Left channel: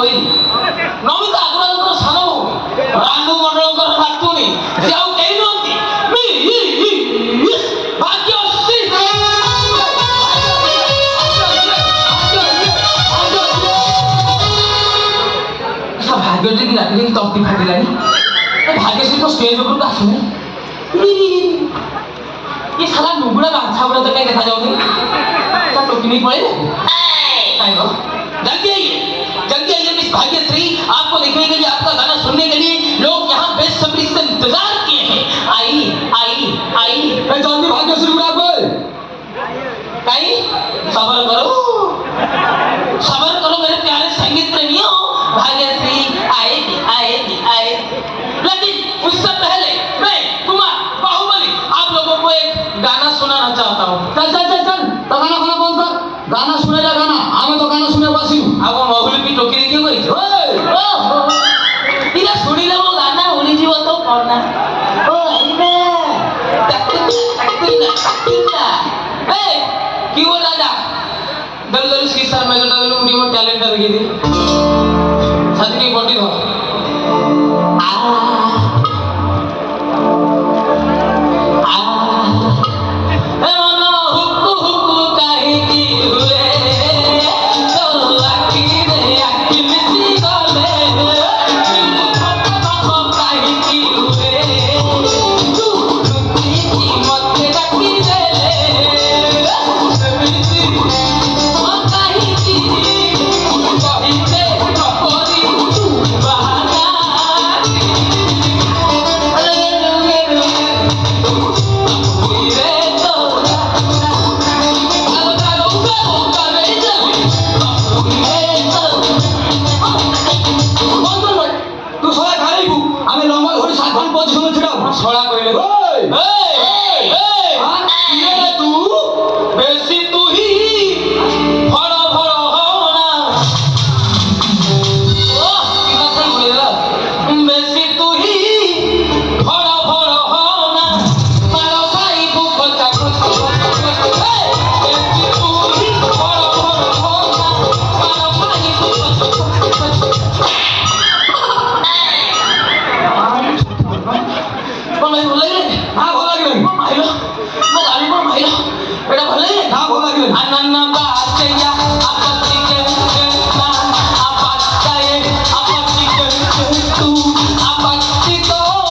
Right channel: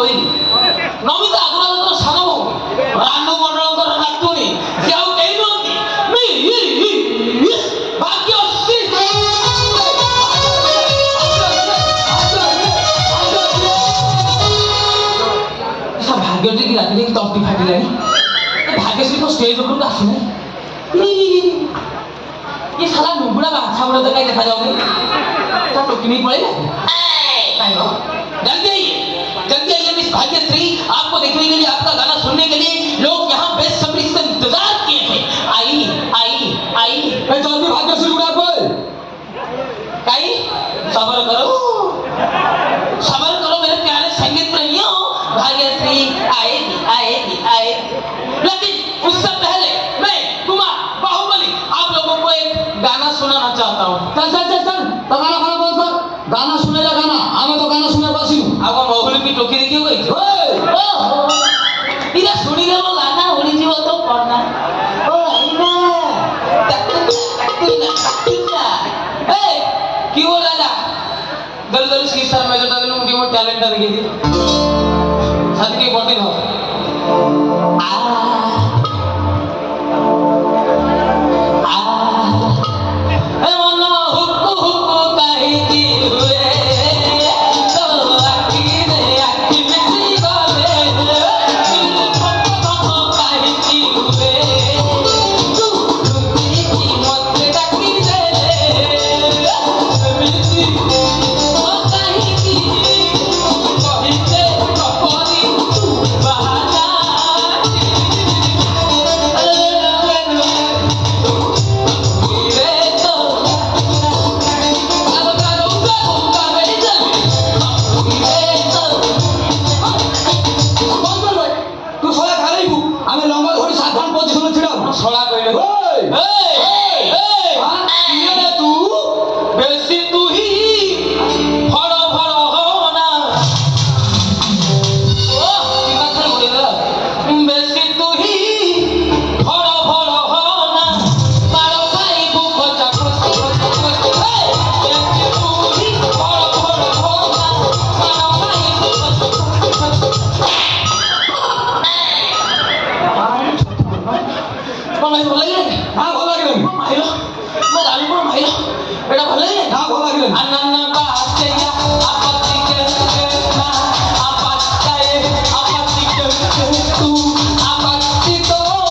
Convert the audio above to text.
କହିଲି ନମିତା ଆଗୁରାଙ୍କର ସାନ ବୋହୂ ରାନୁ ମଣ୍ଡଳଙ୍କର ନାତୁଣୀ ସେ ଆଉ କେହି ନୁହନ୍ତି ଭାଗ୍ୟଶ୍ରୀ। ଭାଗ୍ୟଶ୍ରୀ କି ରାତିରେ ତଣ୍ଟି ଫାଟିଲାଣି ଭାଗ୍ୟଶ୍ରୀ ତ ଷ୍ଟେଜ ଉପରକୁ ଆସୁନାହିଁ। ये साला नुबड़ा बांधा बड़ा तो कहीं देखा जाओगे क्या टोकी नहीं पड़ेगा जल्दी आइए मिस भाग्यश्री आपको देखने के लिए आपका गाना सुनने के लिए लोग यहाँ बेसब्री से इंतजार किए हैं। आई जल्दी भाग्यश्री बुला बोल कहीं सबर करो मेरे प्यारे संगीत प्रेमियों भाग्यश्री आएगी लेकिन उससे पहले मैं कुमार बाहुबली आप लोगों को एक गाना सुनाना चाहता हूँ। चल तो गाना बोल कर गाना सुनेगा गाना हमें तो गाना सुने बसी अब महुल भी टोकी क्यों गई इधर सुनी ले वो गाना होली जीव तो पढ़ना ओ क्यों बोल राजा दल इसकी सर में जो डाले उनकी वो टैलेंट लगी थी छत की बॉडी हो भले हाँ भला